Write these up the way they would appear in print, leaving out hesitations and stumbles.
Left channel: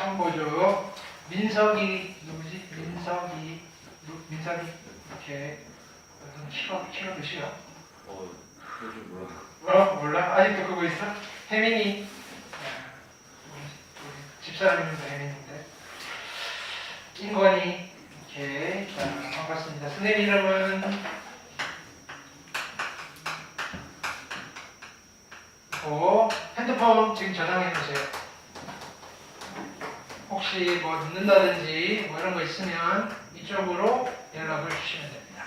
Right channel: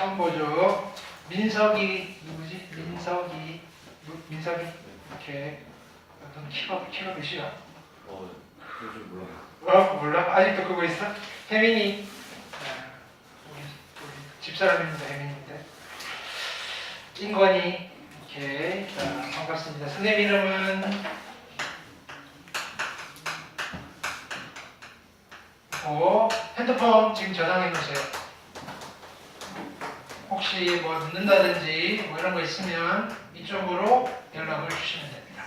처음 보죠. 민석이 누구지? 민석이 이렇게 키가 몇이야? 그줄 몰라. 몰라? 아직도 그거 있어? 혜민이 집사람입니다. 혜민인데 인권이 이렇게 자, 반갑습니다. 선생님 이름은 핸드폰 지금 저장해 놓으세요. 혹시 뭐 늦는다든지 뭐 이런 거 있으면 이쪽으로 연락을 주시면 됩니다.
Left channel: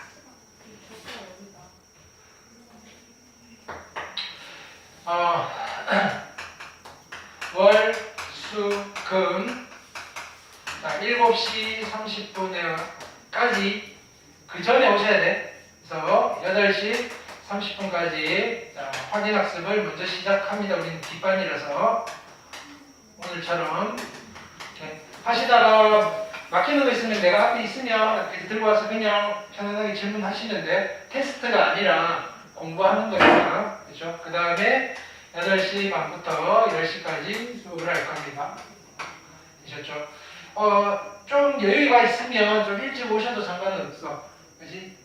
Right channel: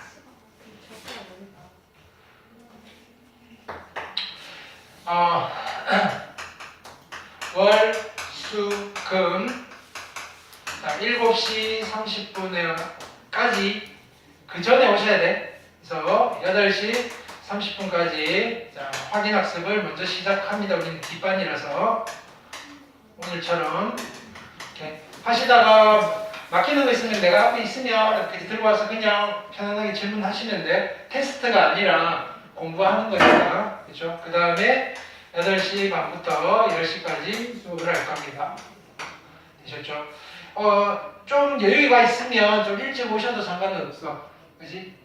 월, 수, 금 자, 7시 30분에까지 그 전에 오셔야 돼. 그래서 8시 30분까지 확인 학습을 먼저 시작합니다. 우리는 뒷반이라서 오늘처럼 이렇게 하시다가 맡기는 거 있으면 내가 앞에 있으면 이렇게 들고 와서 그냥 편안하게 질문하시는데 테스트가 아니라 공부하는 거니까 그렇죠? 그 다음에 8시 반부터 10시까지 수업을 할 겁니다. 되셨죠? 좀 여유가 있으면 좀 일찍 오셔도 상관은 없어. 그지?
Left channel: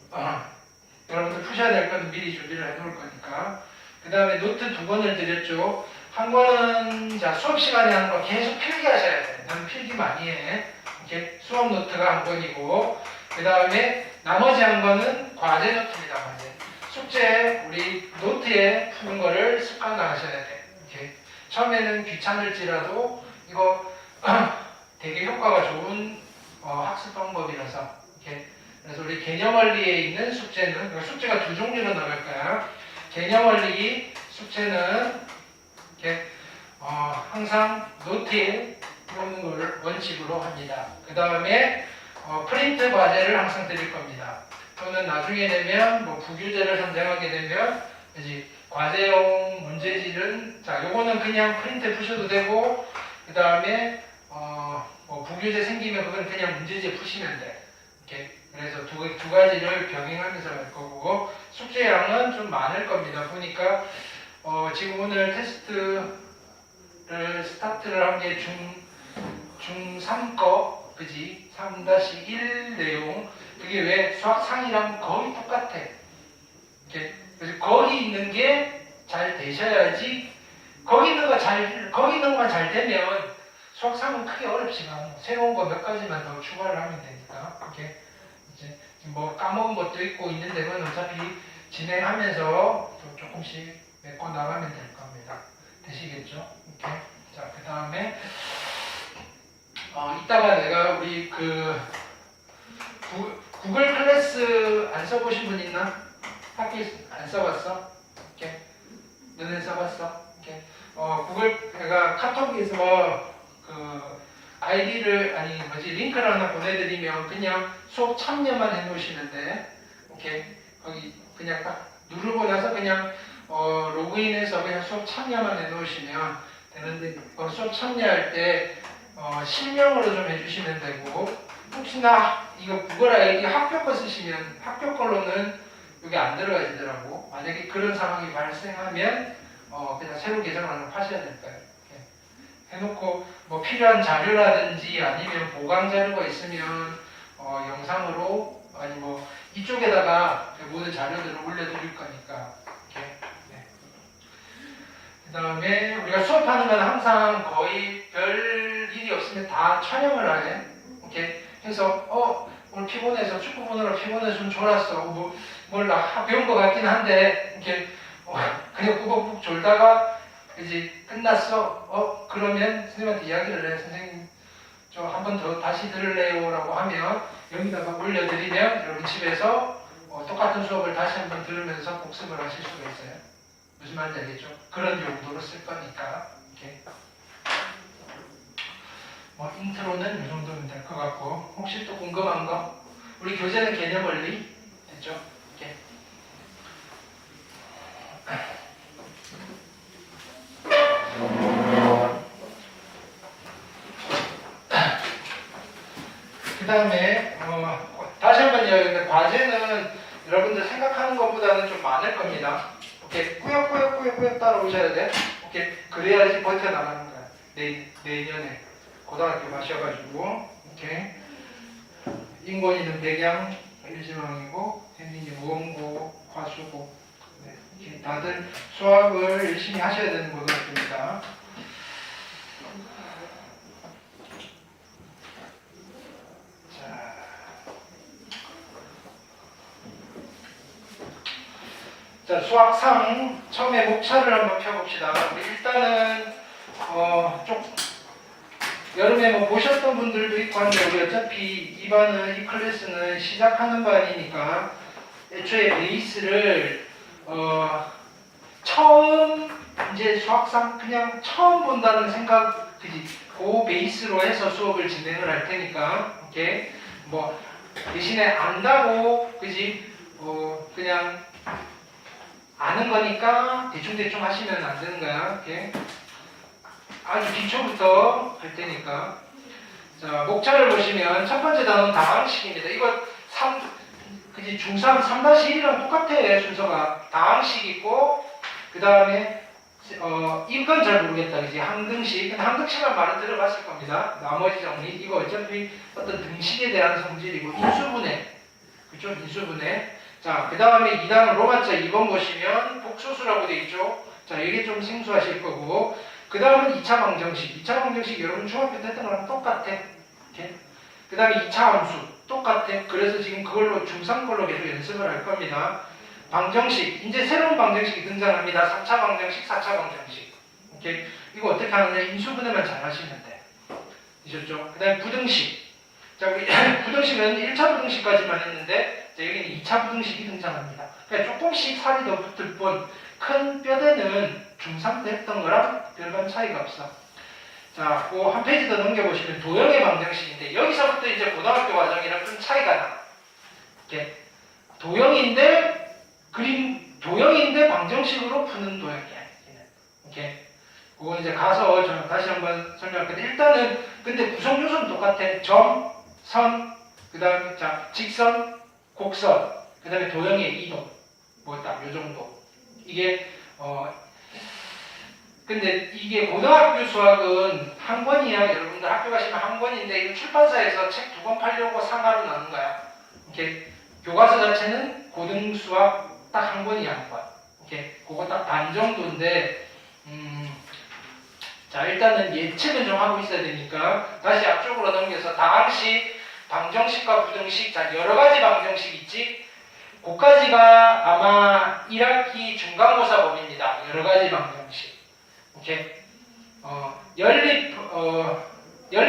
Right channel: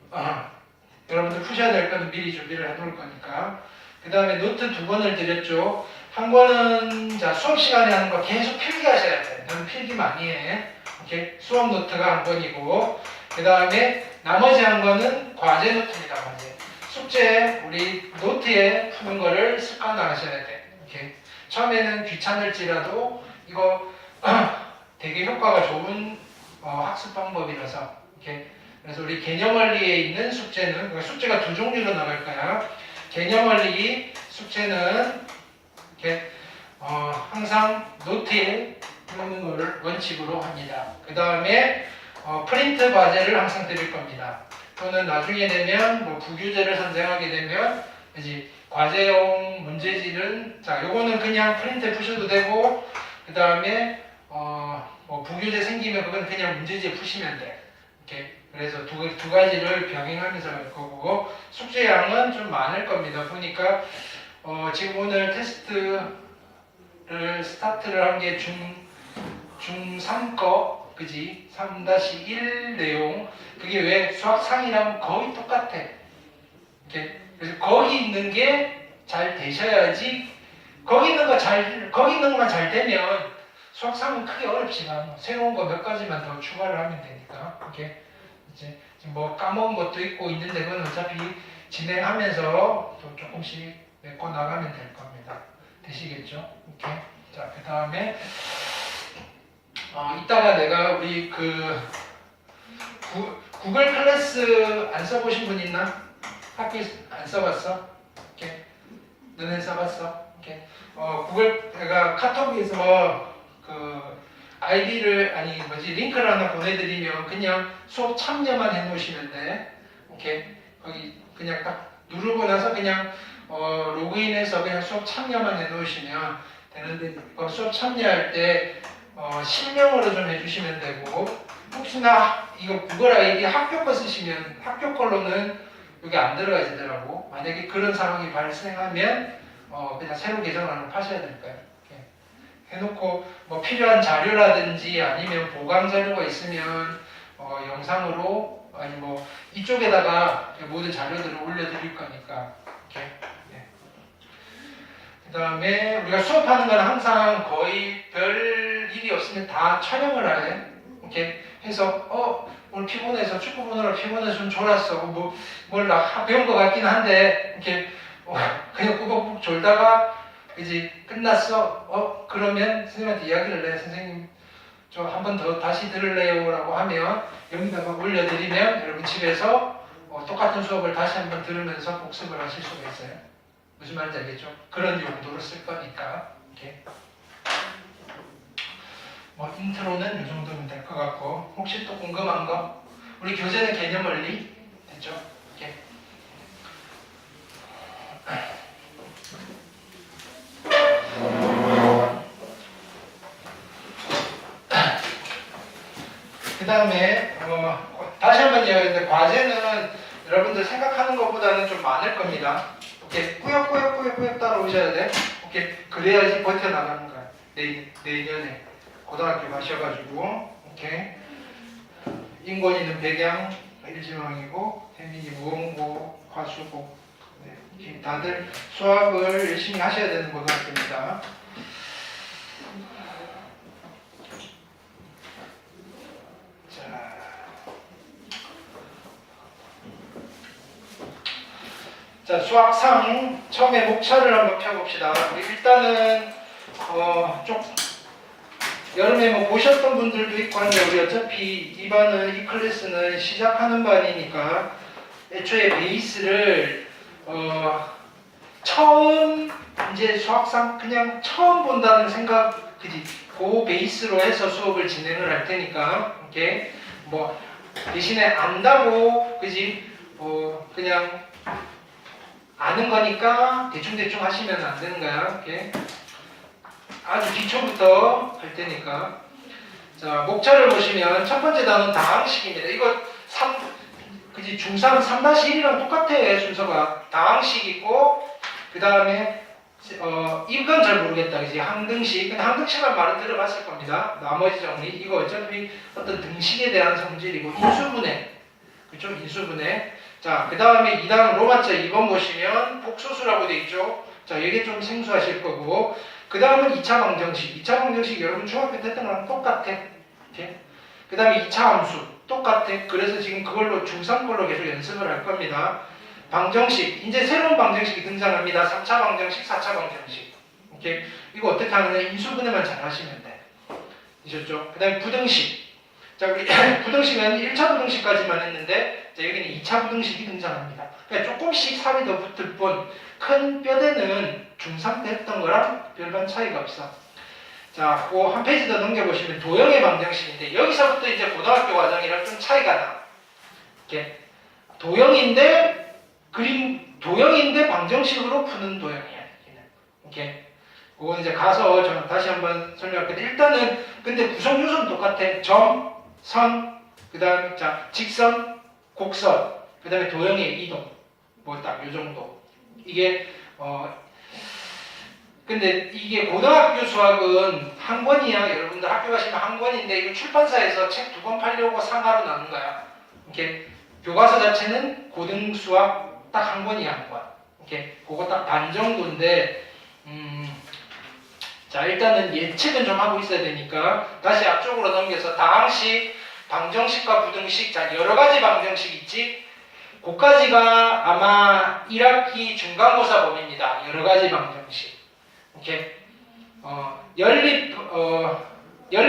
여러분들 푸셔야 될 거는 미리 준비를 해 놓을 거니까. 그 다음에 노트 2권을 드렸죠. 한 권은 자 수업 시간에 하는 거 계속 필기하셔야 돼. 너는 필기 많이 해. 이렇게 수업 노트가 한 권이고, 그 다음에 나머지 한 권은 과제 노트입니다. 과제. 숙제 우리 노트에 푸는 거를 습관화하셔야 돼. 이렇게 처음에는 귀찮을지라도 이거 되게 효과가 좋은 학습 방법이라서 이렇게. 그래서 우리 개념원리에 있는 숙제는 숙제가 2종류로 나갈 거야. 개념원리 숙제는 이렇게 항상 노트에 푸는 걸 원칙으로 합니다. 그 다음에 프린트 과제를 항상 드릴 겁니다. 또는 나중에 되면 뭐 부규제를 선정하게 되면 이제 과제용 문제집은 자 요거는 그냥 프린트 푸셔도 되고, 그 다음에 뭐 부규제 생기면 그건 그냥 문제지에 푸시면 돼. 이렇게. 그래서 두 가지를 병행하면서 할 거고, 숙제량은 좀 많을 겁니다. 보니까 지금 오늘 테스트를 스타트를 한 게 중3 거, 그지? 3-1 내용. 그게 왜 수학상이랑 거의 똑같아. 이렇게. 그래서 거기 있는 게 잘 되셔야지. 거기 있는 것만 잘 되면 수학상은 크게 어렵지만 새로운 거 몇 가지만 더 추가를 하면 되니까. 이렇게. 이제 뭐 까먹은 것도 있고 있는데 그건 어차피 진행하면서 조금씩 메꿔 나가면 될 겁니다. 되시겠죠? 이렇게. 자, 그 다음에 이따가 내가 우리 구글 클래스 안 써보신 분 있나? 학교에 안 써봤어? 이렇게. 너는 써봤어? 이렇게. 내가 카톡에서 아이디를 링크를 하나 보내드리면 그냥 수업 참여만 해놓으시면 돼. 이렇게 거기 그냥 딱 누르고 나서 그냥 로그인해서 그냥 수업 참여만 해놓으시면 되는데 수업 참여할 때 실명으로 좀 해주시면 되고, 혹시나 이거 구글 아이디 학교 거 쓰시면 학교 걸로는 여기 안 들어가지더라고. 만약에 그런 상황이 발생하면 그냥 새로 계정 하나 파셔야 될 거예요. 해놓고 뭐 필요한 자료라든지 아니면 보강 자료가 있으면 영상으로 아니 뭐 이쪽에다가 모든 자료들을 올려드릴 거니까. 이렇게. 네. 그 다음에 우리가 수업하는 건 항상 거의 별 일이 없으면 다 촬영을 하게. 이렇게 해서 오늘 피곤해서 축구 보느라 피곤해서 좀 졸았어. 뭘 배운 것 같긴 한데 이렇게 그냥 꾸벅꾸벅 졸다가 이제 끝났어. 그러면 선생님한테 이야기를 해. 선생님 저 한 번 더 다시 들을래요 라고 하면 여기다가 올려드리면 여러분 집에서 똑같은 수업을 다시 한 번 들으면서 복습을 하실 수가 있어요. 무슨 말인지 알겠죠? 그런 용도로 쓸 거니까. 이렇게. 인트로는 이 정도면 될 것 같고, 혹시 또 궁금한 거? 우리 교재는 개념원리 됐죠? 이렇게. 그 다음에 다시 한번 이야기하는데 과제는 여러분들 생각하는 것보다는 좀 많을 겁니다. 이렇게 꾸역꾸역 따라오셔야 돼. 이렇게 그래야지 버텨나가는 거야. 내년에. 고등학교 가셔가지고 이렇게 인권이는 백양 일지망이고 혜민이 원고 화수고 네, 지금 다들 수학을 열심히 하셔야 되는 고등학교입니다. 자, 수학상 처음에 목차를 한번 펴봅시다. 우리 일단은 좀 여름에 뭐 보셨던 분들도 있고 한데 우리 어차피 이 클래스는 시작하는 반이니까 애초에 베이스를 처음 이제 수학상 그냥 처음 본다는 생각 그지 그 베이스로 해서 수업을 진행을 할 테니까 이렇게 뭐 대신에 안다고 그지 그냥 아는 거니까 대충대충 하시면 안 되는 거야. 이렇게 아주 기초부터 할 테니까. 자, 목차를 보시면 첫 번째 단어는 다항식입니다. 이거 그지 중3 3-1이랑 똑같아. 순서가 다항식 있고 그 다음에 이건 잘 모르겠다. 그지 항등식. 근데 항등식이라는 말은 들어봤을 겁니다. 나머지 정리. 이거 어차피 어떤 등식에 대한 성질이고 인수분해. 그렇죠? 인수분해. 자, 그 다음에 2단은 로마자 2번 보시면 복소수라고 돼 있죠. 자, 이게 좀 생소하실 거고. 그 다음은 2차 방정식. 2차 방정식 여러분 중학교 때 했던 거랑 똑같아. 그 다음에 2차 함수. 똑같아. 그래서 지금 그걸로 중3 걸로 계속 연습을 할 겁니다. 방정식. 이제 새로운 방정식이 등장합니다. 3차 방정식, 4차 방정식. 오케이. 이거 어떻게 하느냐. 인수분해만 잘 하시면 돼. 되셨죠? 그 다음에 부등식. 자, 우리 부등식은 1차 부등식까지만 했는데 자, 여기는 2차 부등식이 등장합니다. 그러니까 조금씩 살이 더 붙을 뿐 큰 뼈대는 중3 때 했던 거랑 별반 차이가 없어. 자, 그 한 페이지 더 넘겨보시면 도형의 방정식인데 여기서부터 이제 고등학교 과정이랑 좀 차이가 나. 이렇게 도형인데 도형인데 방정식으로 푸는 도형이야. 이렇게 그거 이제 가서 저 다시 한번 설명할게요. 일단은 근데 구성 요소는 똑같아. 점, 선, 그 다음에 자 직선, 곡선, 그 다음에 도형의 이동, 뭐 딱 요 정도. 이게 근데 이게 고등학교 수학은 한 권이야. 여러분들 학교 가시면 한 권인데 이거 출판사에서 책 2권 팔려고 상하로 나눈 거야. 이렇게 교과서 자체는 고등 수학 딱 한 권이야, 한 권. 이렇게 그거 딱 반 정도인데 자, 일단은 예측은 좀 하고 있어야 되니까 다시 앞쪽으로 넘겨서 다항식, 방정식과 부등식, 자 여러 가지 방정식 있지. 그까지가 아마 1학기 중간고사 범위입니다. 여러 가지 방정식. 오케이. 연립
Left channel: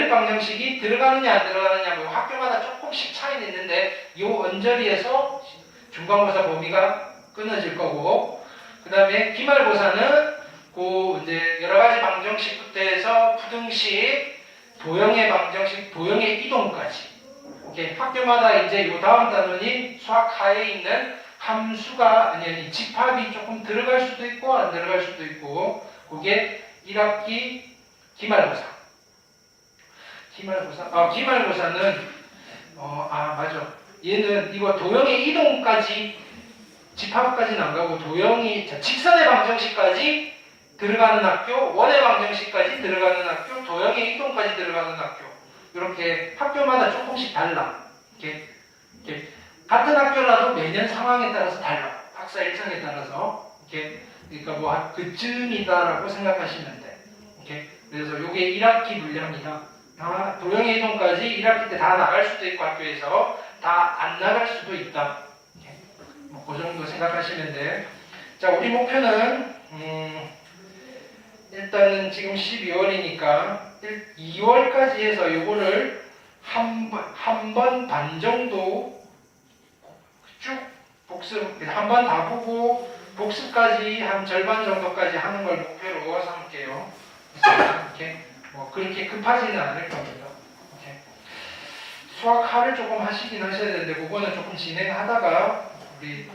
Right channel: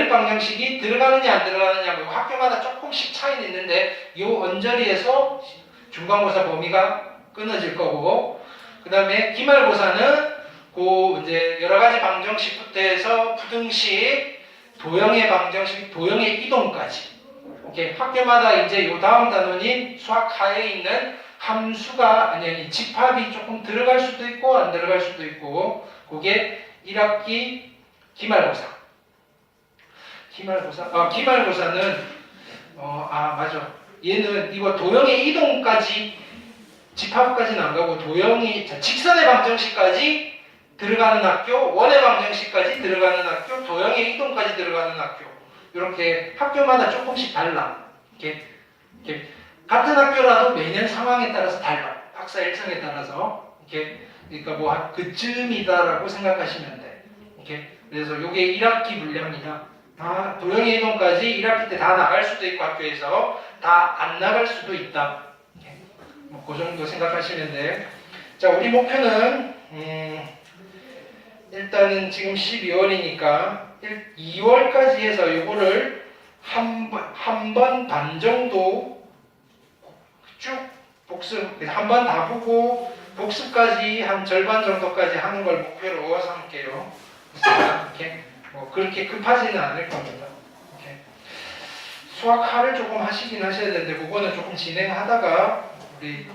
방정식이 들어가느냐 안 들어가느냐 뭐 학교마다 조금씩 차이는 있는데 요 언저리에서 중간고사 범위가 끊어질 거고 그 다음에 기말고사는 그 이제 여러 가지 방정식부터 해서 부등식, 도형의 방정식, 도형의 이동까지. 오케이. 학교마다 이제 요 다음 단원이 수학 하에 있는 함수가 아니 집합이 조금 들어갈 수도 있고 안 들어갈 수도 있고 그게 1학기 기말고사. 기말고사는 맞아. 얘는 이거 도형의 이동까지 집합까지는 안 가고 도형이 직선의 방정식까지 들어가는 학교, 원의 방정식까지 들어가는 학교, 도형의 이동까지 들어가는 학교. 이렇게 학교마다 조금씩 달라. 이렇게 같은 학교라도 매년 상황에 따라서 달라. 학사 일정에 따라서. 이렇게 그러니까 뭐 그쯤이다라고 생각하시면 돼. 이렇게 그래서 이게 1학기 물량이다. 다 도형의 이동까지 1학기 때 다 나갈 수도 있고 학교에서 다 안 나갈 수도 있다. 뭐 그 정도 생각하시면 돼. 자, 우리 목표는 일단은 지금 12월이니까 2월까지 해서 요거를 한 번 반 정도 쭉 복습 한 번 다 보고 복습까지 한 절반 정도까지 하는 걸 목표로 삼을게요. 이렇게 뭐 그렇게 급하지는 않을 거거든요. 이렇게 수학하를 조금 하시긴 하셔야 되는데 그거는 조금 진행하다가 우리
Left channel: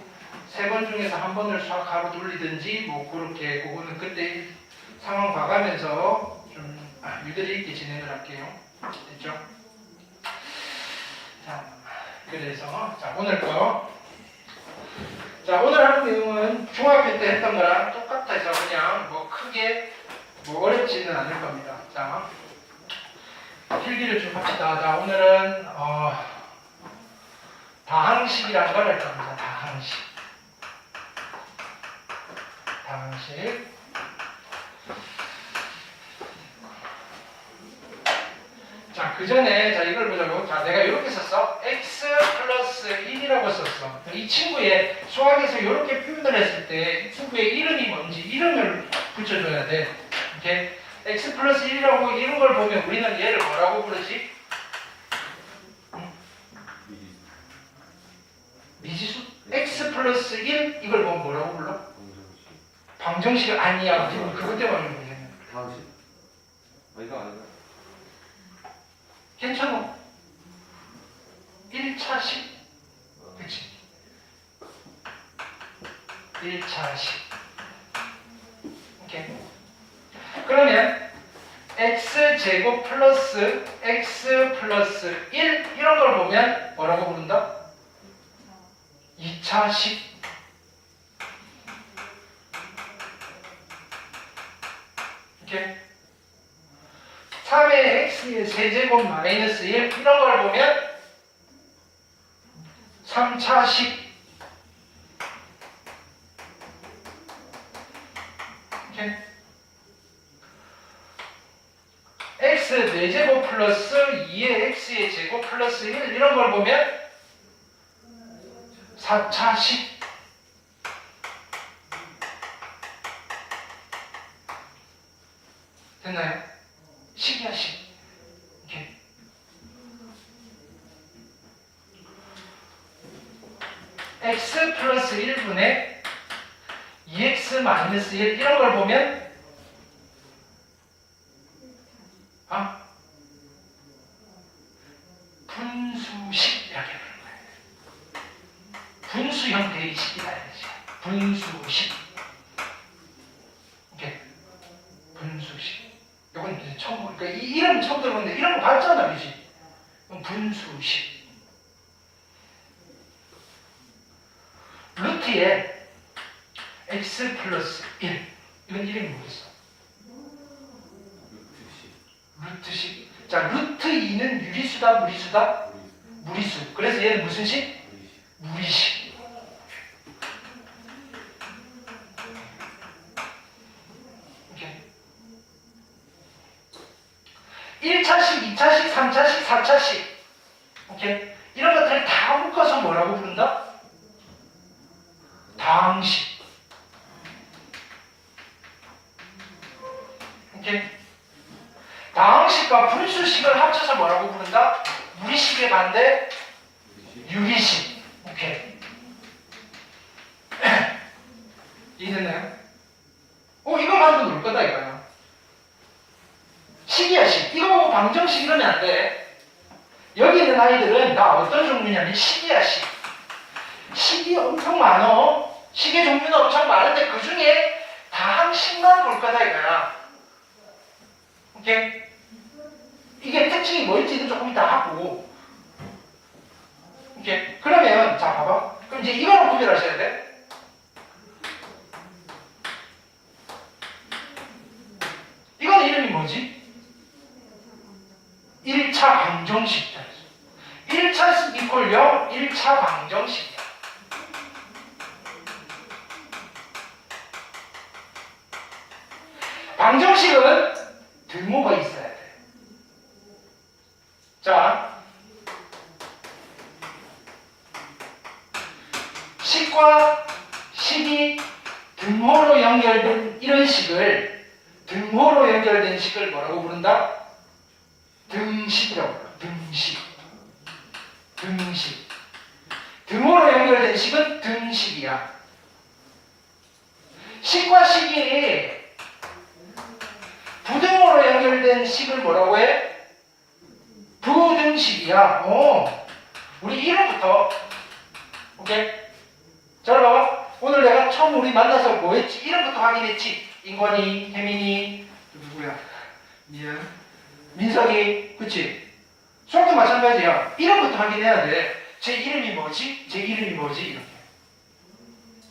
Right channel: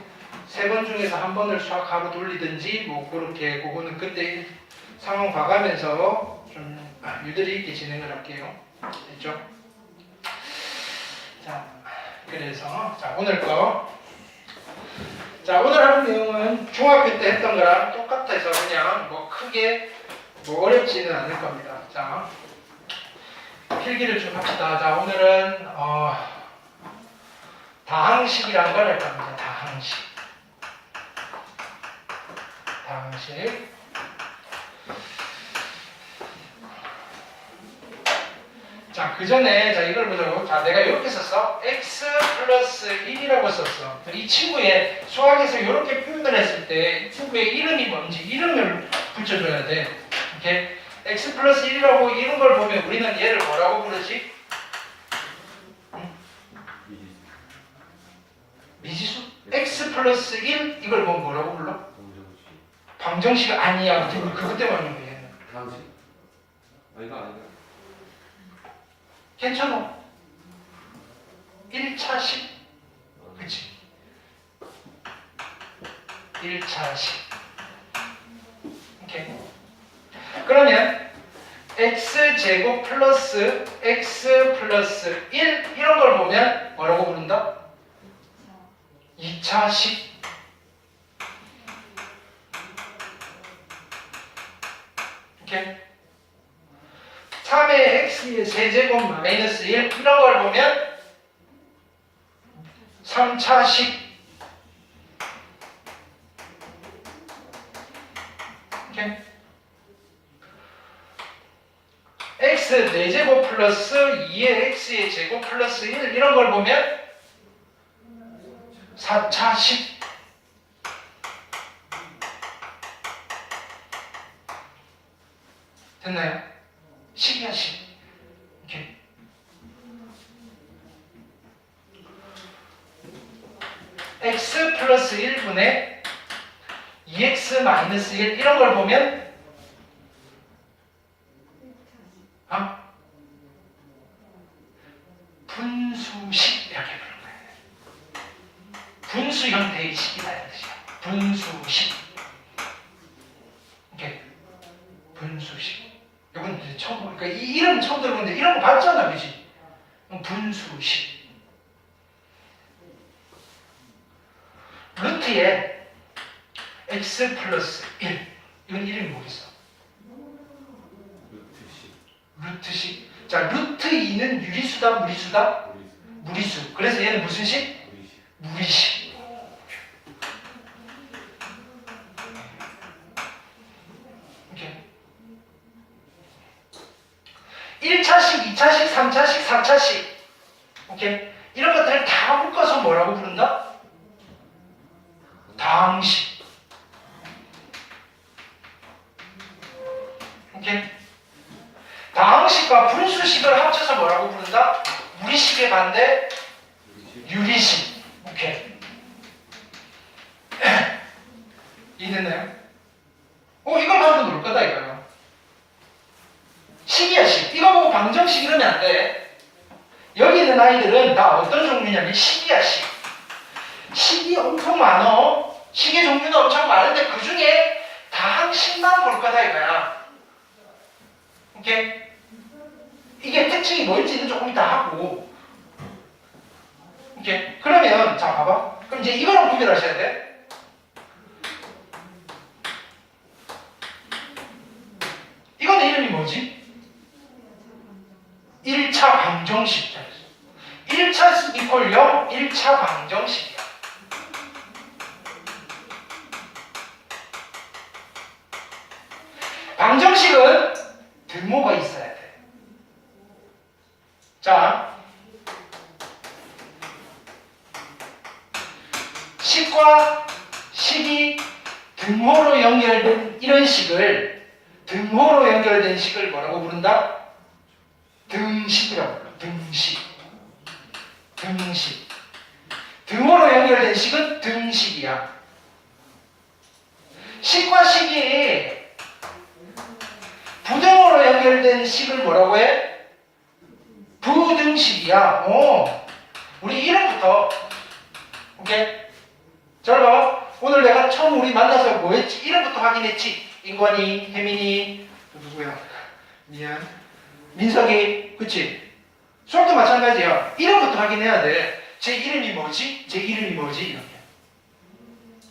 3번 중에서 한 번을 수학하로 돌리든지 뭐 그렇게 그거는 그때 상황 봐가면서 좀 유도리 있게 진행을 할게요. 됐죠? 자, 그래서 자 오늘 거. 자, 오늘 하는 내용은 중학교 때 했던 거랑 똑같아서 그냥 뭐 크게 뭐 어렵지는 않을 겁니다. 자, 필기를 좀 합시다. 자, 오늘은 다항식이라는 걸 할 겁니다. 다항식. 자, 그 전에 자 이걸 보자고. 자, 내가 이렇게 썼어. x 플러스 1이라고 썼어. 이 친구의 수학에서 이렇게 표현을 했을 때 이 친구의 이름이 뭔지 이름을 붙여줘야 돼. 이렇게 x 플러스 1이라고 이런 걸 보면 우리는 얘를 뭐라고 부르지? 미지수? x 플러스 1 이걸 보면 뭐라고 불러? 방정식 아니야. 그것 때문에 하는 거야. 방식? 이거 아닌가? 괜찮아. 1차식. 그치? 1차식. 오케이. 그러면 x제곱 플러스 x 플러스 1 이런 걸 보면 뭐라고 부른다? 2차식. 오케이. 3의 x의 세제곱 마이너스 1 이런 걸 보면 3차식. 오케이. x 4제곱 플러스 2의 x의 제곱 플러스 1 이런 걸 보면 4차식. 됐나요? 식이야, 식. 이렇게. x 플러스 1분의 2x 마이너스 1 이런 걸 보면 분수식 이렇게 부르는 거예요. 분수 형태의 식이라는 뜻이야. 분수식. 이렇게 분수식. 이건 이제 처음, 그러니까 이 이름 처음 들어보는데 이런 거 봤잖아, 그지? 분수식. 루트에 x 플러스 1 이건 이름이 뭐겠어? 루트식. 자, 루트 2는 유리수다, 무리수다? 무리수. 그래서 얘는 무슨 식? 무리식. 이렇게. 1차식, 2차식, 3차식, 4차식. 오케이? 이런 것들을 다 묶어서 뭐라고 부른다? 다항식. 오케이? 다항식과 분수식을 합쳐서 뭐라고 부른다? 무리식의 반대? 유리식. 오케이. 이해됐나요? 이거 봐도 놀 거다, 이거야. 식이야, 식. 이거 보고 방정식 이러면 안 돼. 여기 있는 아이들은 다 어떤 종류냐면 식이야, 식. 식이 엄청 많어. 식의 종류는 엄청 많은데 그 중에 다항식만 볼 거다, 이거야. 오케이? 이게 특징이 뭔지는 조금 이따 하고. 오케이? 그러면, 자, 봐봐. 그럼 이제 이거랑 구별하셔야 돼. 이거는 이름이 뭐지? 1차 방정식. 1차 이퀄 0, 1차 방정식이야. 방정식은 등모가 있어야 돼. 자, 식과 식이 등호로 연결된 이런 식을, 등호로 연결된 식을 뭐라고 부른다? 등식이라고 불러. 등식. 등식. 등호로 연결된 식은 등식이야. 식과 식이 부등호로 연결된 식을 뭐라고 해? 부등식이야. 우리 이름부터. 오케이? 잘 봐. 오늘 내가 처음 우리 만나서 뭐 했지? 이름부터 확인했지? 인관이, 혜민이, 누구야? 미안. 민석이, 그치? 수학도 마찬가지야. 이름부터 확인해야 돼. 제 이름이 뭐지? 제 이름이 뭐지? 이렇게.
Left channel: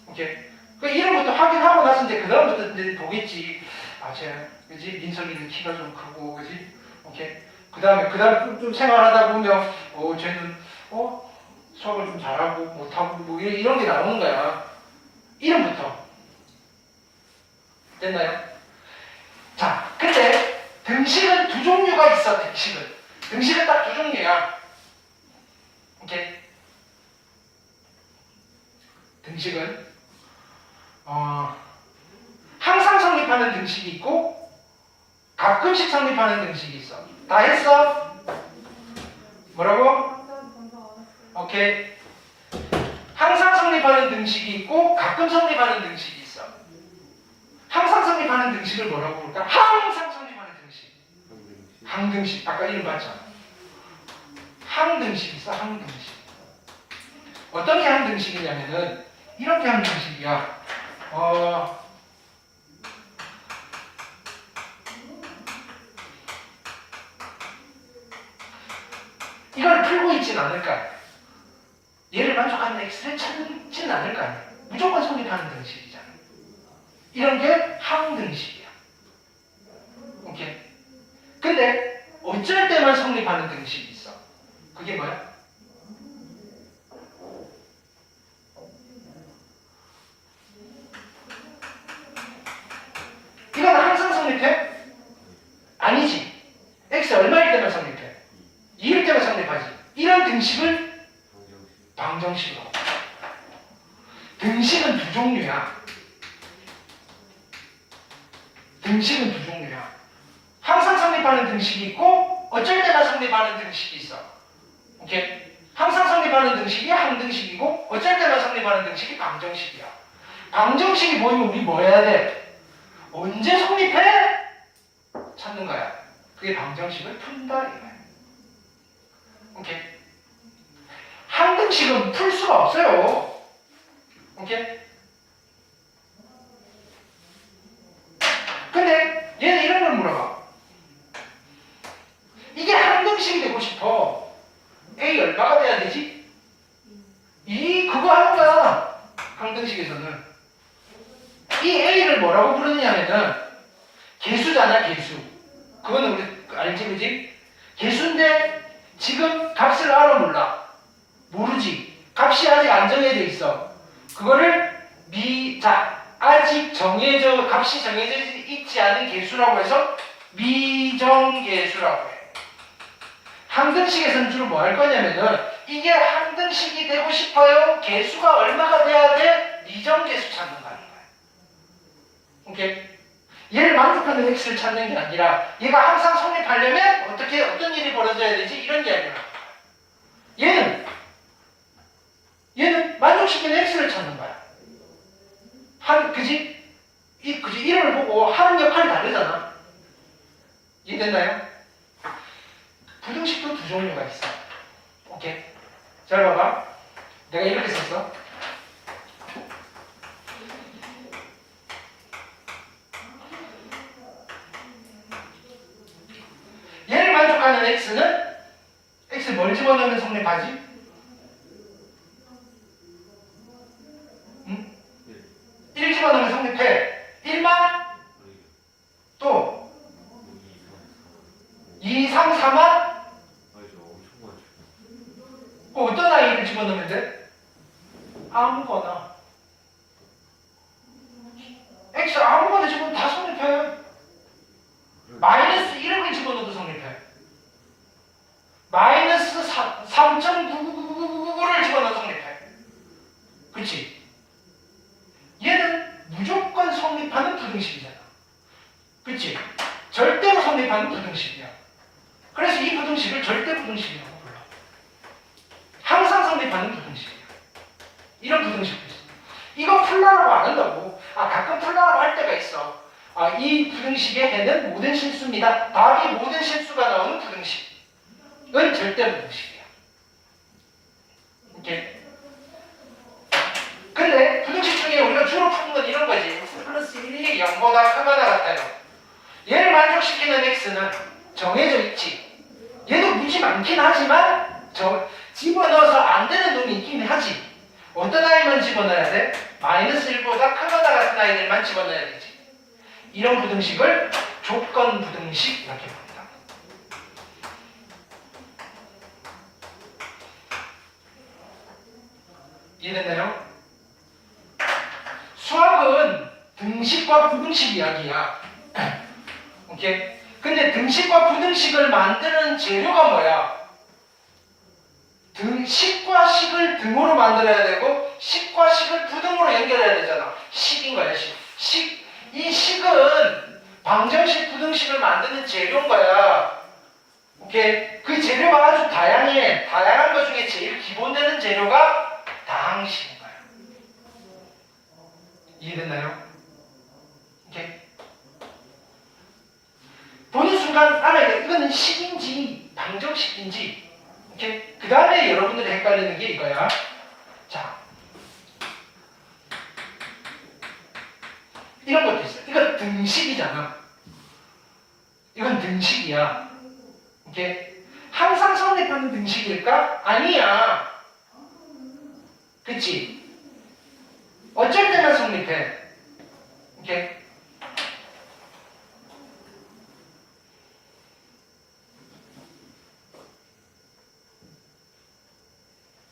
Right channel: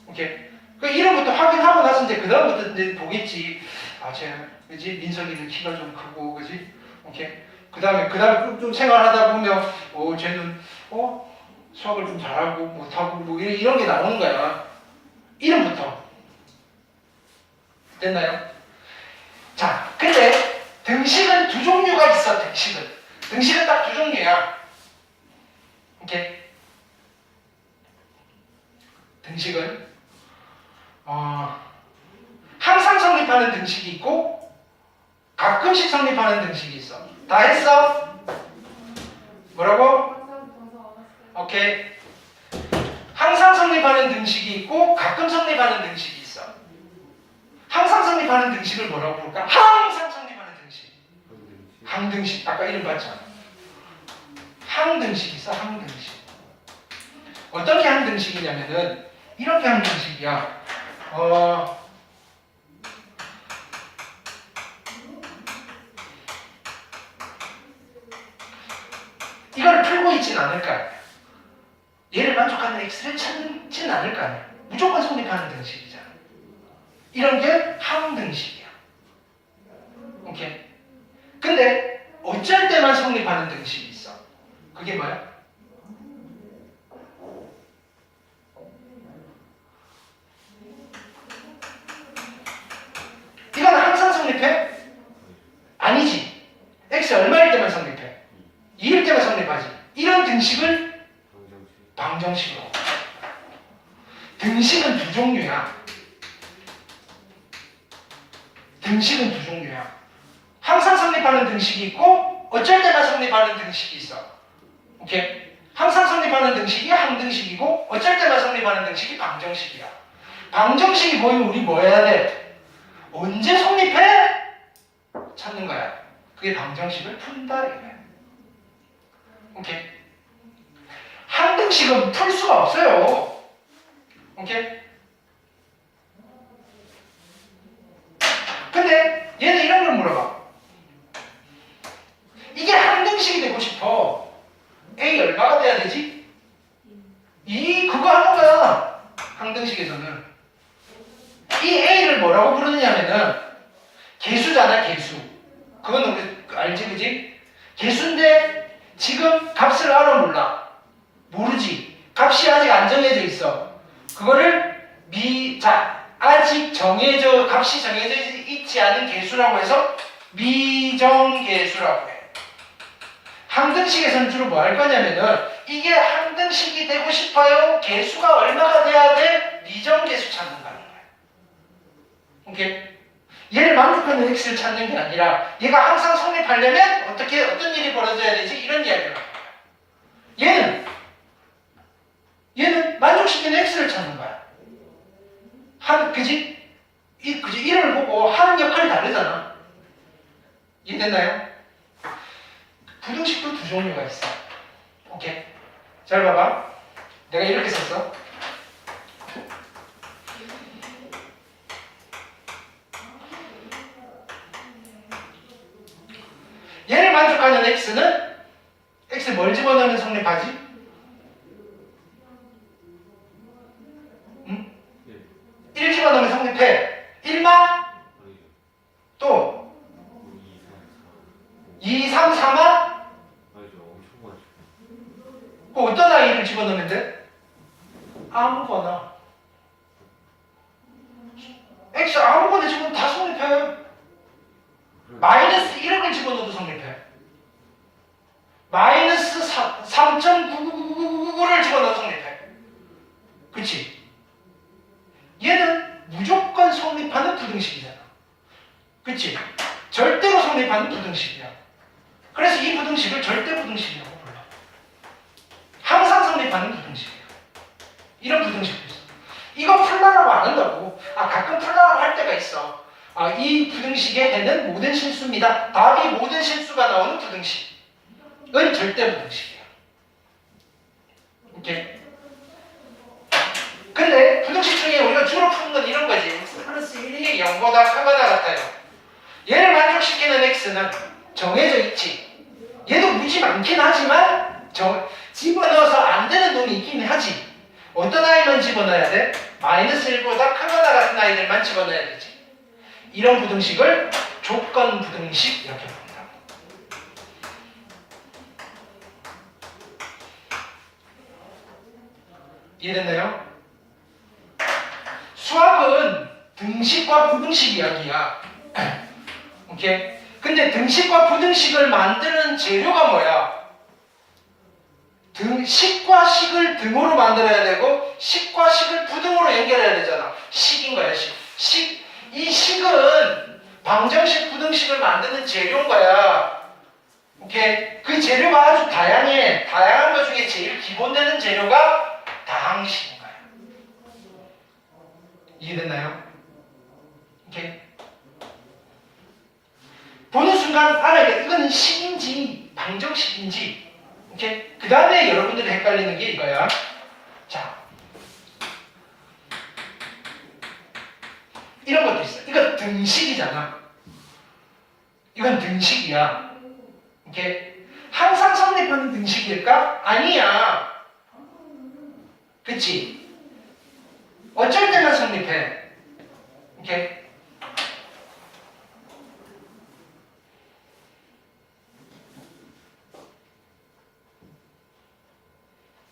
오케이? 그 이름부터 확인하고 나서 이제 그다음부터 이제 보겠지. 쟤, 그지? 민석이는 키가 좀 크고, 그지? 오케이? 그다음에 좀 생활하다 보면 쟤는 수학을 좀 잘하고 못하고 뭐 이런 게 나오는 거야. 이름부터. 됐나요? 자, 근데 등식은 두 종류가 있어. 등식은 딱 두 종류야. 오케이. 등식은 항상 성립하는 등식이 있고 가끔씩 성립하는 등식이 있어. 다 했어? 뭐라고? 오케이. 항상 성립하는 등식이 있고 가끔 성립하는 등식이 있어. 항상 성립하는 등식을 뭐라고 부를까? 항상 성립하는 등식. 항등식. 아까 이름 봤잖아. 항등식 있어. 항등식. 어떻게 항등식이냐면은 이렇게 항등식이야. 이걸 풀고 있진 않을 거 아니야. 얘를 만족하는 x를 찾지는 않을 거 아니야. 무조건 성립하는 등식이잖아. 이런 게 항등식이야. 오케이. 근데 어쩔 때만 성립하는 등식이 있어. 그게 뭐야? 이건 항상 성립해? 아니지. x 얼마일 때만 성립해? 2일 때만 성립하지. 이런 등식을 방정식으로. 등식은 두 종류야. 등식은 두 종류야. 항상 성립하는 등식이 있고 어쩔 때만 성립하는 등식이 있어. 오케이? 항상 성립하는 등식이 항등식이고 어쩔 때만 성립하는 등식이 방정식이야. 방정식이 보이면 우리 뭐 해야 돼? 언제 성립해? 찾는 거야. 그게 방정식을 푼다 이거야. 오케이? 항등식은 풀 수가 없어요. 오케이? 근데 얘는 이런 걸 물어봐. 이게 항등식이 되고 싶어. A 얼마가 돼야 되지? 그거 하는 거야. 항등식에서는. 이 A를 뭐라고 부르냐면은 개수잖아, 개수. 그건 우리 알지, 그지? 개수인데 지금 값을 알아 몰라. 모르지. 값이 아직 안 정해져 있어. 그거를 아직 값이 정해져 있지 않은 개수라고 해서 미정개수라고 해. 항등식에서는 주로 뭐 할 거냐면은 이게 항등식이 되고 싶어요. 개수가 얼마가 돼야 돼? 미정개수 찾는 거야. 오케이? 얘를 만족하는 x를 찾는 게 아니라 얘가 항상 성립하려면 어떤 일이 벌어져야 되지? 이런 이야기를 해요. 얘는 만족시키는 x를 찾는 거야. 그지? 이름을 보고 하는 역할이 다르잖아. 이해됐나요? 부등식도 두 종류가 있어. 오케이? 잘 봐봐. 내가 이렇게 썼어. 얘를 만족하는 x는 x 뭘 집어넣으면 성립하지? 응? 1 집어넣으면 성립해. 1만? 또 2, 3, 4만? 어떤 아이를 집어넣으면 돼? 아무거나. x 아무거나 집어넣으면 다 성립해. 마이너스 1을 집어넣어도 성립해. 마이너스 3.9999를 집어넣어도 성립해. 그치? 얘는 무조건 성립하는 부등식이잖아. 그치? 절대로 성립하는 부등식이야. 그래서 이 부등식을 절대 부등식이라고 불러. 항상 성립하는 부등식이야. 이런 부등식도 있어. 이거 풀라고 안 한다고. 가끔 풀라고 할 때가 있어. 이 부등식의 해는 모든 실수입니다. 답이 모든 실수가 나오는 부등식은 절대 부등식이야. 오케이? 근데 부등식 중에 우리가 주로 푸는 건 이런 거지. 플러스 1이 0보다 크거나 같아요. 얘를 만족시키는 x는 정해져 있지. 얘도 무지 많긴 하지만 집어넣어서 안 되는 놈이 있긴 하지. 어떤 아이만 집어넣어야 돼? 마이너스 1보다 크거나 같은 아이들만 집어넣어야 되지. 이런 부등식을 조건 부등식 이렇게 부른다. 이해됐나요? 수학은 등식과 부등식 이야기야. 오케이? 근데 등식과 부등식을 만드는 재료가 뭐야? 식과 식을 등으로 만들어야 되고 식과 식을 부등으로 연결해야 되잖아. 식인 거야, 식. 이 식은 방정식, 부등식을 만드는 재료인 거야. 오케이? 그 재료가 아주 다양해. 다양한 것 중에 제일 기본되는 재료가 다항식인 거야. 이해됐나요? 오케이? 보는 순간 알아야 돼. 이거는 식인지 방정식인지. 오케이? 그 다음에 여러분들이 헷갈리는 게 이거야. 자, 이런 것도 있어. 이거 등식이잖아. 이건 등식이야. 오케이? 항상 성립하는 등식일까? 아니야. 그치? 어쩔 때만 성립해. 오케이?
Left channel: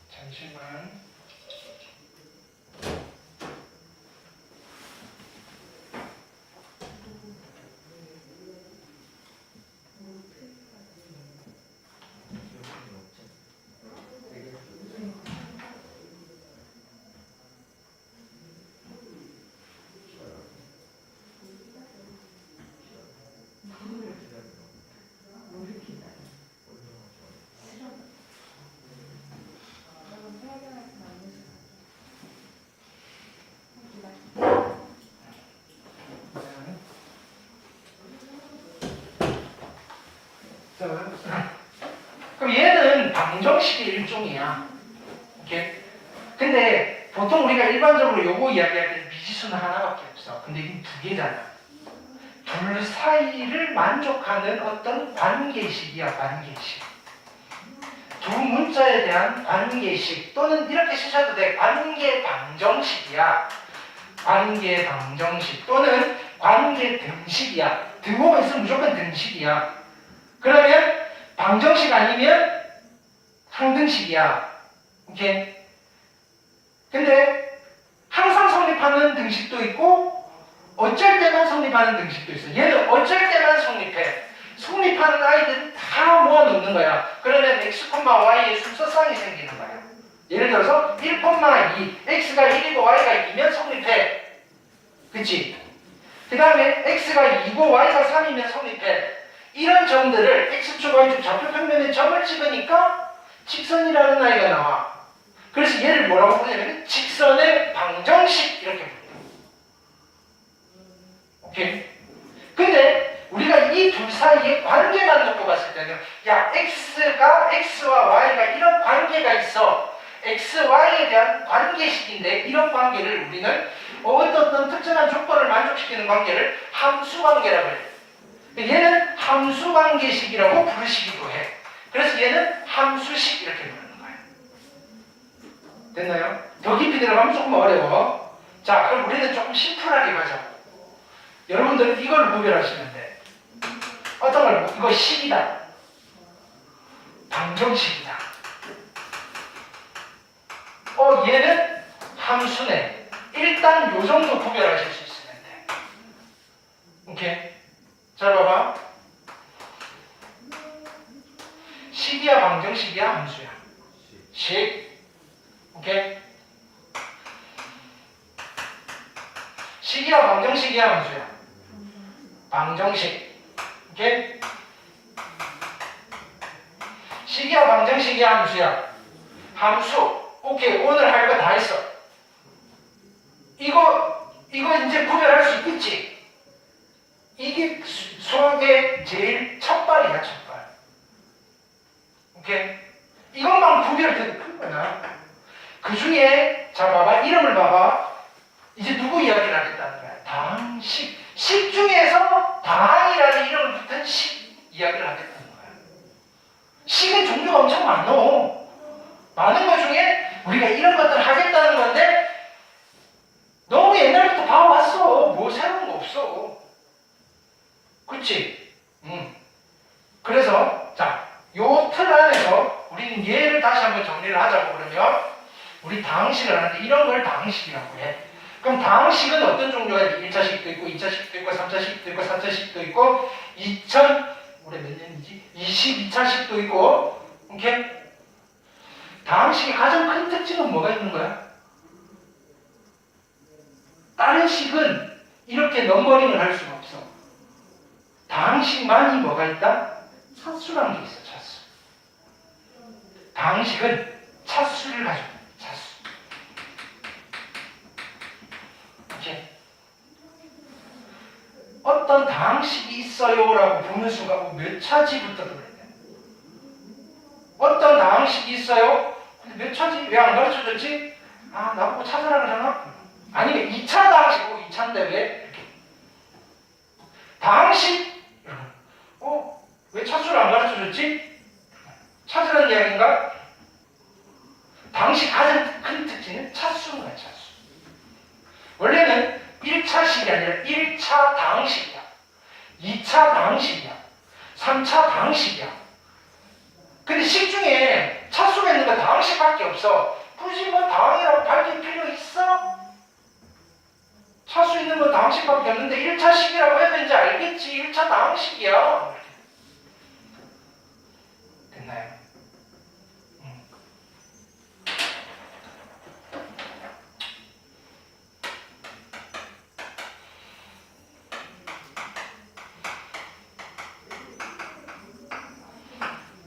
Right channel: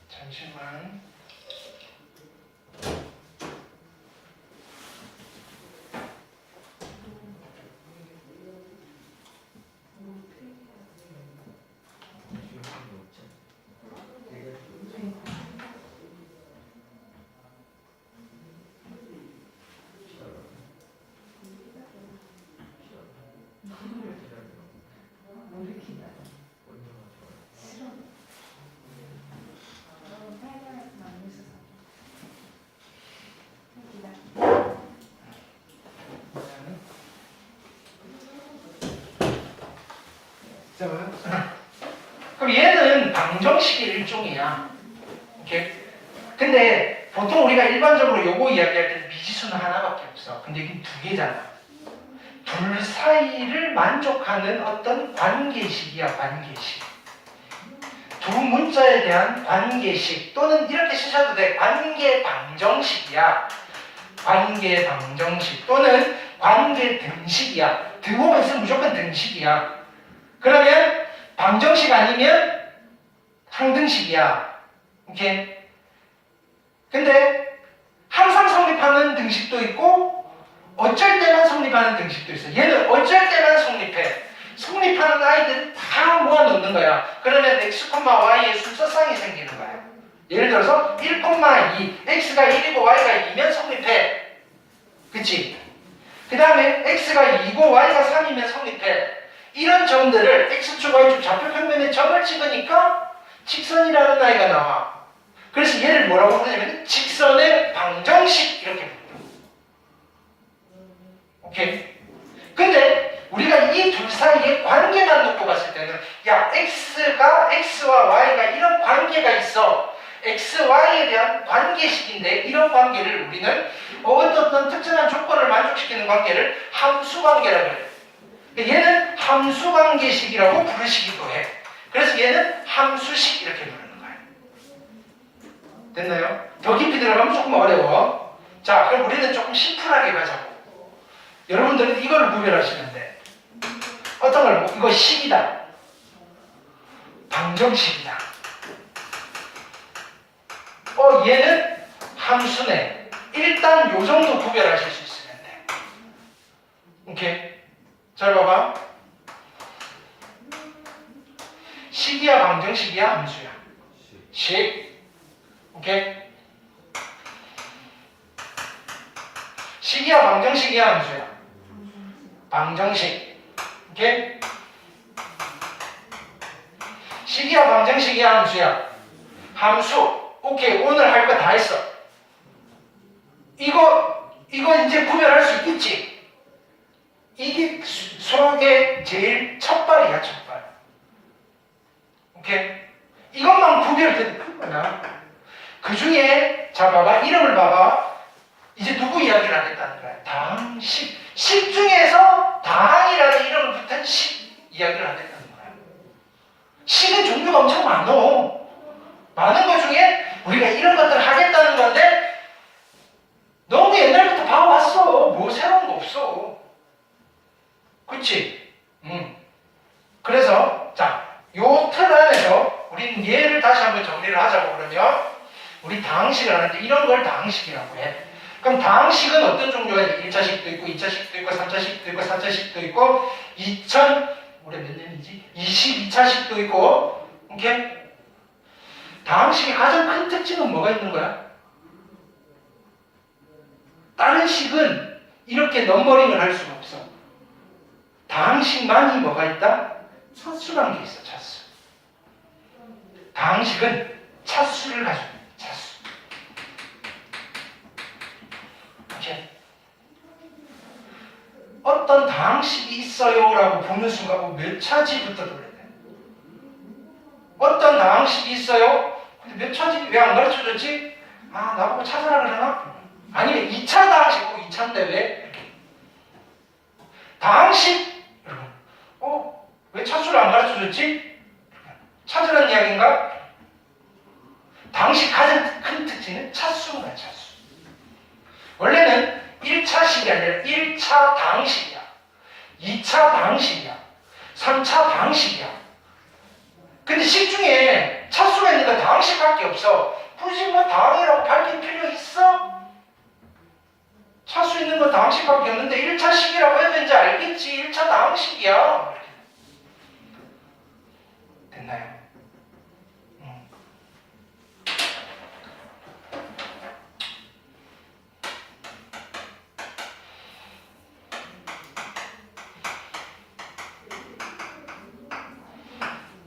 잠시만. 그럼 얘는 방정식의 일종이야. 오케이? 근데 보통 우리가 일반적으로 요거 이야기할 때 미지수는 하나밖에 없어. 근데 이게 두 개잖아. 둘 사이를 만족하는 어떤 관계식이야, 관계식. 두 문자에 대한 관계식 또는 이렇게 쓰셔도 돼. 관계 방정식이야. 관계 방정식 또는 관계 등식이야. 등호가 있으면 무조건 등식이야. 그러면 방정식 아니면 상등식이야. 오케이? 근데 항상 성립하는 등식도 있고 어쩔 때만 성립하는 등식도 있어. 얘는 어쩔 때만 성립해. 성립하는 아이들은 다 모아놓는 거야. 그러면 x, y의 순서쌍이 생기는 거야. 예를 들어서 1, 2, x가 1이고 y가 2면 성립해. 그치? 그 다음에 x가 2고 y가 3이면 성립해. 이런 점들을 x축, y축 좌표평면에 점을 찍으니까 직선이라는 아이가 나와. 그래서 얘를 뭐라고 부르냐면 직선의 방정식 이렇게 부르요. 오케이? 근데 우리가 이 둘 사이의 관계만 놓고 봤을 때는 야 x와 y가 이런 관계가 있어. x, y에 대한 관계식인데 이런 관계를 우리는 어떤 특정한 조건을 만족시키는 관계를 함수관계라고 해요. 얘는 함수관계식이라고 부르시기도 해. 그래서 얘는 함수식 이렇게 부르는 거야. 됐나요? 더 깊이 들어가면 조금 어려워. 자, 그럼 우리는 조금 심플하게 가자고. 여러분들은 이걸 구별하시면 돼. 어떤 걸, 이거 식이다. 방정식이다. 얘는 함수네. 일단 요 정도 구별하실 수 있으면 돼. 오케이? 잘 봐봐. 식이야, 방정식이야, 함수야? 식. 오케이? 식이야, 방정식이야, 함수야? 방정식. 오케이? 식이야, 방정식이야, 함수야? 함수. 오케이, 오늘 할 거 다 했어. 이거 이제 구별할 수 있겠지? 이게 수학의 제일 첫발이야, 첫발. 오케이? 이것만 구별돼도 큰 거야. 그 중에, 자, 봐봐. 이름을 봐봐. 이제 누구 이야기를 하겠다는 거야? 당식. 식 중에서 당이라는 이름을 붙은 식 이야기를 하겠다는 거야. 식의 종류가 엄청 많어. 많은 것 중에 우리가 이런 것들을 하겠다는 건데 너무 옛날부터 봐왔어. 뭐 새로운 거 없어. 그치? 그래서 자, 요 틀 안에서 우리는 얘를 다시 한번 정리를 하자고. 그러면 우리 우리 다항식을 하는데 이런 걸 다항식이라고 해. 그럼 다항식은 어떤 종류가 있지? 1차식도 있고 2차식도 있고 3차식도 있고 4차식도 있고 올해 몇 년이지? 22차식도 있고. 오케이? 다항식의 가장 큰 특징은 뭐가 있는 거야? 다른 식은 이렇게 넘버링을 할 수가 없어. 다항식만이 뭐가 있다? 차수라는 게 있어. 차수. 다항식은 차수를 가지고 있다. 차수. 오케이? 어떤 다항식이 있어요 라고 보는 순간 몇 차지부터 돌려야 돼? 어떤 다항식이 있어요? 근데 몇 차지? 왜 안 가르쳐줬지? 아, 나보고 찾아라 그러나? 아니면 2차 다항식이고 2차인데 왜? 다항식? 왜 차수를 안 가르쳐줬지? 찾으라는 이야기인가? 다항식 가장 큰 특징은 차수인 거야, 차수. 원래는 1차식이 아니라 1차 다항식이야. 2차 다항식이야. 3차 다항식이야. 근데 식 중에 차수가 있는 건 다항식밖에 없어. 굳이 뭐 다항이라고 밝힐 필요 있어? 차수 있는 건 다항식밖에 없는데 1차식이라고 해도 이제 알겠지. 1차 다항식이야. 됐나요?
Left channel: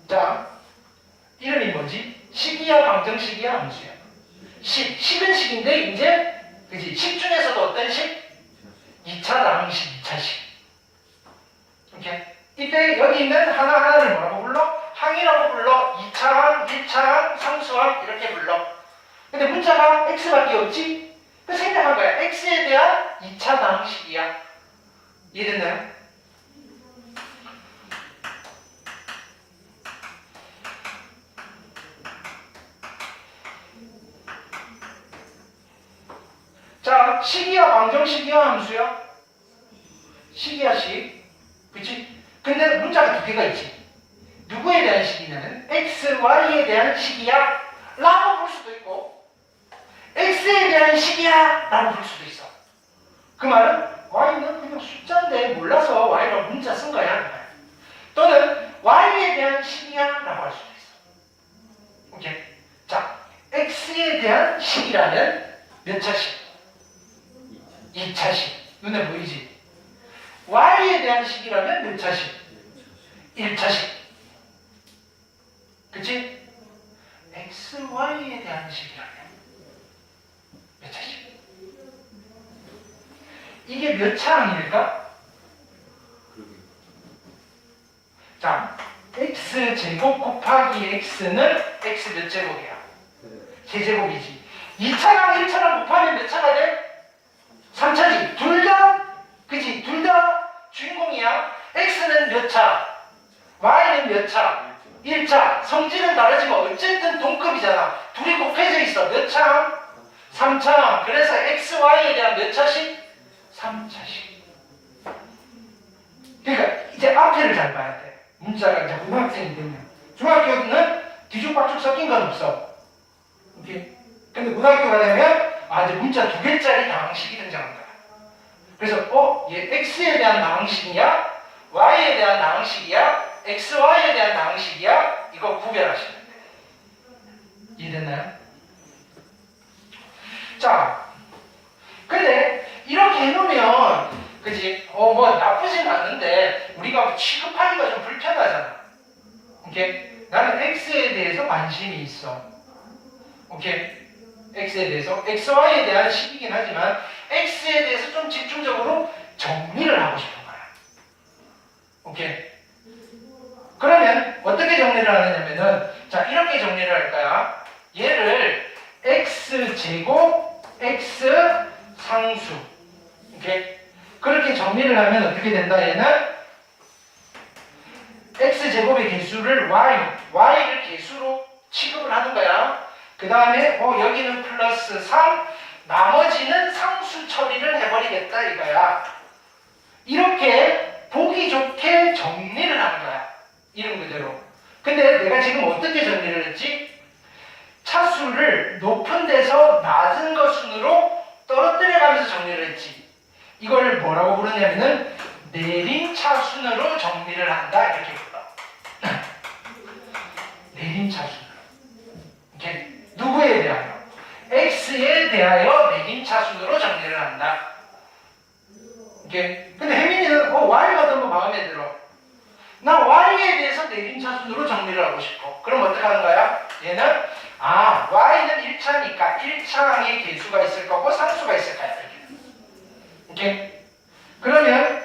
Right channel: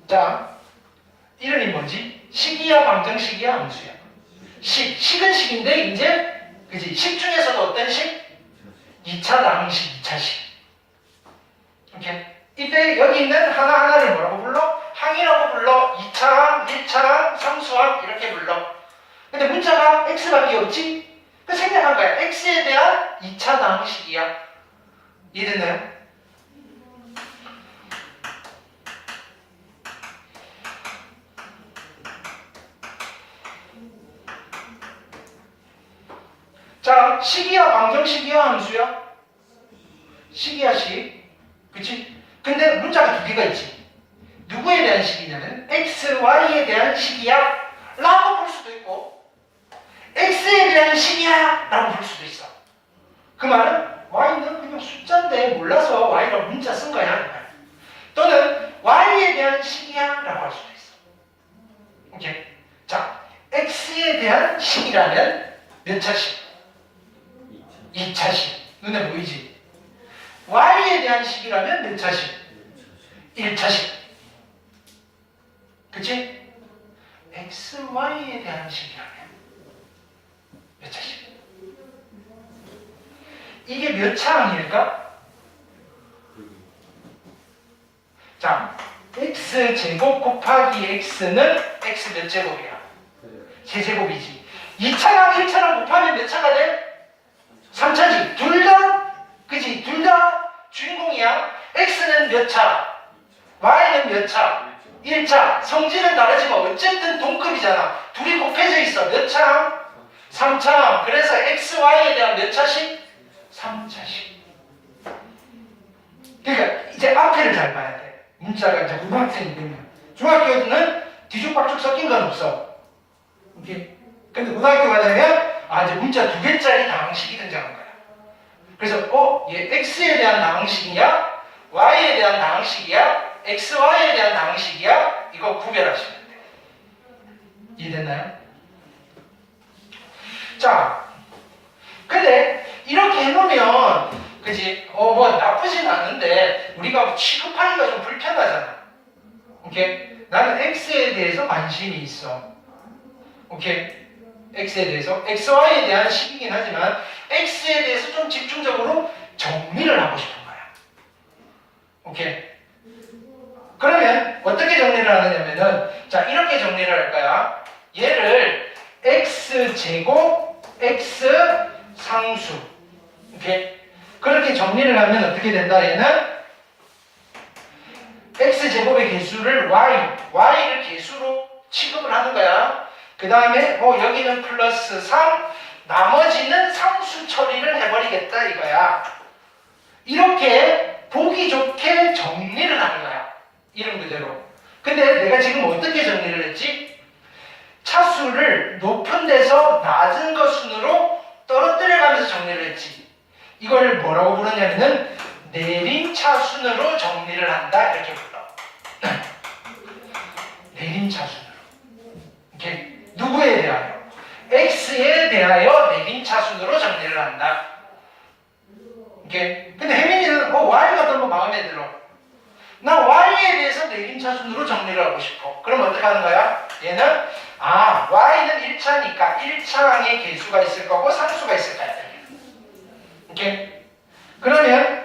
자, 이름이 뭐지? 식이야, 방정식이야, 함수야? 식은 식인데 이제 그지? 식 중에서도 어떤 식? 2차 다항식, 2차식. 오케이? 이때 여기 있는 하나하나를 뭐라고 불러? 항이라고 불러. 2차항, 1차항, 상수항 이렇게 불러. 근데 문자가 x밖에 없지? 그 생각한 거야. x에 대한 2차 다항식이야. 이해됐나요? 자, 식이야, 방정식이야, 함수야? 식이야, 식. 그치? 근데 문자가 두 개가 있지. 누구에 대한 식이냐는 x, y에 대한 식이야 라고 볼 수도 있고 x에 대한 식이야 라고 볼 수도 있어. 그 말은 y는 그냥 숫자인데 몰라서 y라고 문자 쓴 거야. 또는 y에 대한 식이야 라고 할 수도 있어. 오케이? 자, x에 대한 식이라면 몇 차식? 2차식. 눈에 보이지? y에 대한 식이라면 몇 차식? 1차식. 그치? x, y에 대한 식이라면 몇 차식? 이게 몇 차항일까? 자, x 제곱 곱하기 x는 x 몇 제곱이야? 세제곱이지. 2차랑 1차랑 곱하면 몇 차가 돼? 3차지. 둘 다, 그치? 둘 다 주인공이야. x는 몇 차? y는 몇 차? 1차. 성질은 다르지만 어쨌든 동급이잖아. 둘이 곱해져 있어. 몇 차? 3차. 그래서 x, y에 대한 몇 차씩? 3차씩. 그러니까 이제 앞에를 잘 봐야 돼. 문자가 이제 고등학생이 되면. 중학교는 뒤죽박죽 섞인 건 없어. 오케이? 근데 고등학교가 되면 이제 문자 두 개짜리 다항식이 등장한 거야. 그래서 얘 x에 대한 다항식이냐? y에 대한 다항식이야? x, y에 대한 다항식이야? 이거 구별하시면 돼요. 이해됐나요? 자, 근데 이렇게 해놓으면 그지? 뭐 나쁘진 않은데 우리가 취급하기가 좀 불편하잖아. 오케이? 나는 x에 대해서 관심이 있어. 오케이? x에 대해서 x, y에 대한 식이긴 하지만 x에 대해서 좀 집중적으로 정리를 하고 싶은 거야. 오케이? 그러면 어떻게 정리를 하느냐면은 자, 이렇게 정리를 할 거야. 얘를 x제곱 x 상수. 오케이? 그렇게 정리를 하면 어떻게 된다? 얘는 x제곱의 개수를 y를 개수로 취급을 하는 거야. 그 다음에 여기는 플러스 3, 나머지는 상수 처리를 해버리겠다 이거야. 이렇게 보기 좋게 정리를 하는 거야. 이름 그대로. 근데 내가 지금 어떻게 정리를 했지? 차수를 높은 데서 이걸 뭐라고 부르냐면은 내림차순으로 정리를 한다 이렇게 불러. 내림차순으로. 이렇게 누구에 대하여? x에 대하여 내림차순으로 정리를 한다. 이렇게. 근데 혜민이는 y가 너무 마음에 들어. 나 y에 대해서 내림차순으로 정리를 하고 싶어. 그럼 어떻게 하는 거야? 얘는 y는 1차니까 1차항의 개수가 있을 거고 상수가 있을 거야. 이렇게. 그러면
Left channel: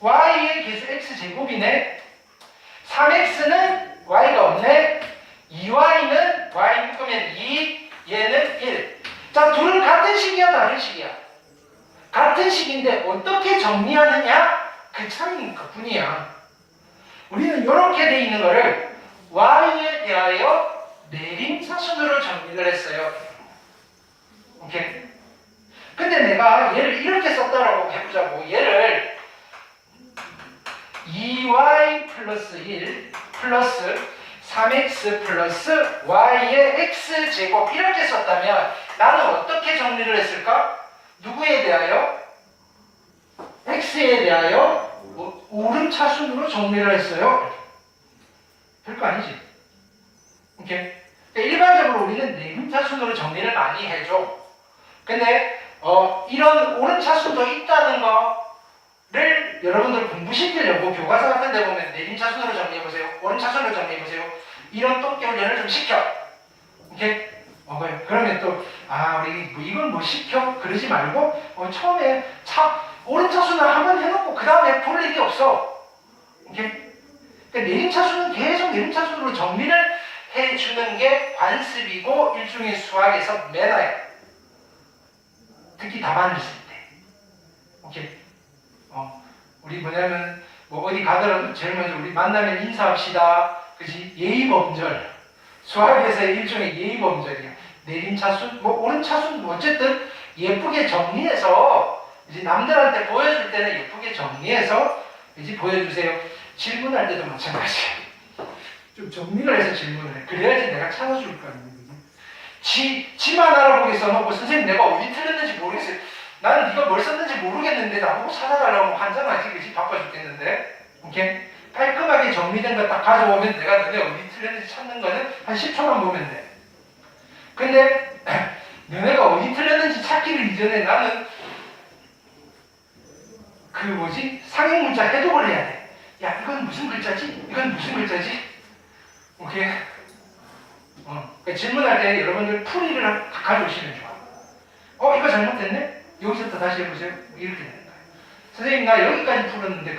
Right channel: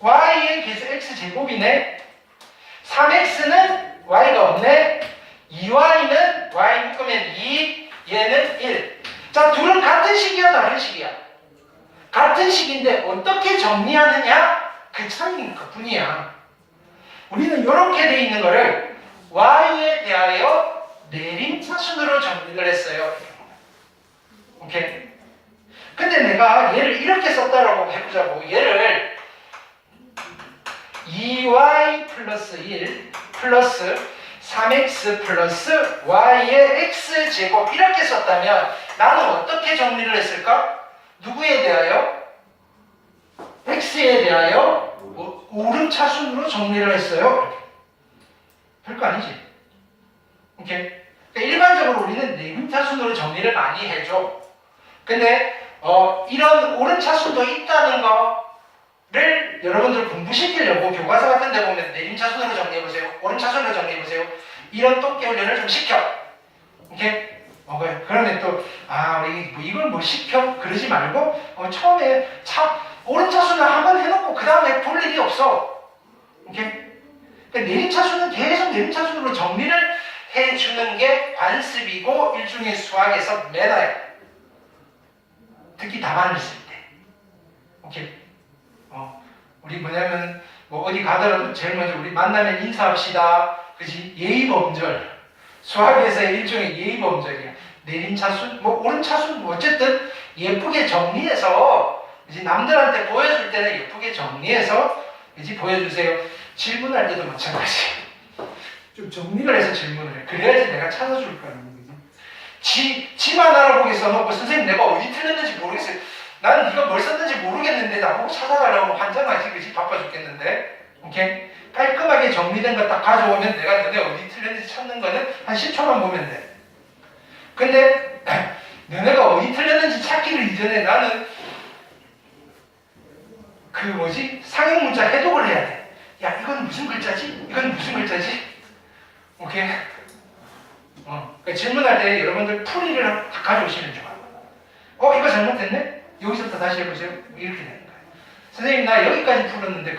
y의 개수 x제곱이네. 3x는 y가 없네. 2y는 y 묶으면 2, 얘는 1. 자, 둘은 같은 식이야, 다른 식이야? 같은 식인데 어떻게 정리하느냐? 그 차이는 그뿐이야. 우리는 이렇게 돼 있는 거를 y에 대하여 내림차순으로 정리를 했어요. 오케이? 근데 내가 얘를 이렇게 썼다라고 해보자고. 얘를 2y 플러스 1 플러스 3x 플러스 y의 x제곱 이렇게 썼다면 나는 어떻게 정리를 했을까? 누구에 대하여? x에 대하여 오름차순으로 정리를 했어요. 별거 아니지. 오케이? 그러니까 일반적으로 우리는 내림차순으로 정리를 많이 해줘. 근데 이런 오름차순도 있다는 거를 여러분들 공부시키려고 교과서 같은 데 보면 내림차순으로 정리해보세요. 오름차순으로 정리해보세요. 이런 똑개 훈련을 좀 시켜. 오케이? 그러면 또 우리 이걸 뭐 시켜? 그러지 말고 처음에 오른차순을 한번 해놓고 그 다음에 볼 일이 없어. 오케이? 그러니까 내림차순은 계속 내림차순으로 정리를 해주는 게 관습이고 일종의 수학에서 매너야. 특히 답안을 쓸 때. 오케이? 우리 뭐냐면 어디 가더라도 제일 먼저 우리 만나면 인사합시다. 그지? 예의범절. 수학에서의 일종의 예의범절이야. 내림차순, 오름차순, 어쨌든 예쁘게 정리해서 이제 남들한테 보여줄 때는 예쁘게 정리해서 이제 보여주세요. 질문할 때도 마찬가지. 좀 정리를 해서 질문을 해. 그래야지 내가 찾아줄 거거든요. 지만 알아보기 써놓고 선생님 내가 어디 틀렸는지 모르겠어요. 나는 네가 뭘 썼는지 모르겠는데 나보고 찾아달라고 하면 환장하지. 그지? 바빠 죽겠는데. 오케이? 깔끔하게 정리된 거 딱 가져오면 내가 너네 어디 틀렸는지 찾는 거는 한 10초만 보면 돼. 근데 너네가 어디 틀렸는지 찾기를 이전에 나는 상형 문자 해독을 해야 돼. 야, 이건 무슨 글자지? 이건 무슨 글자지? 오케이? 그러니까 질문할 때 여러분들 풀이를 다 가져오시면 좋아. 이거 잘못됐네? 여기서부터 다시 해보세요. 이렇게 되는 거야. 선생님, 나 여기까지 풀었는데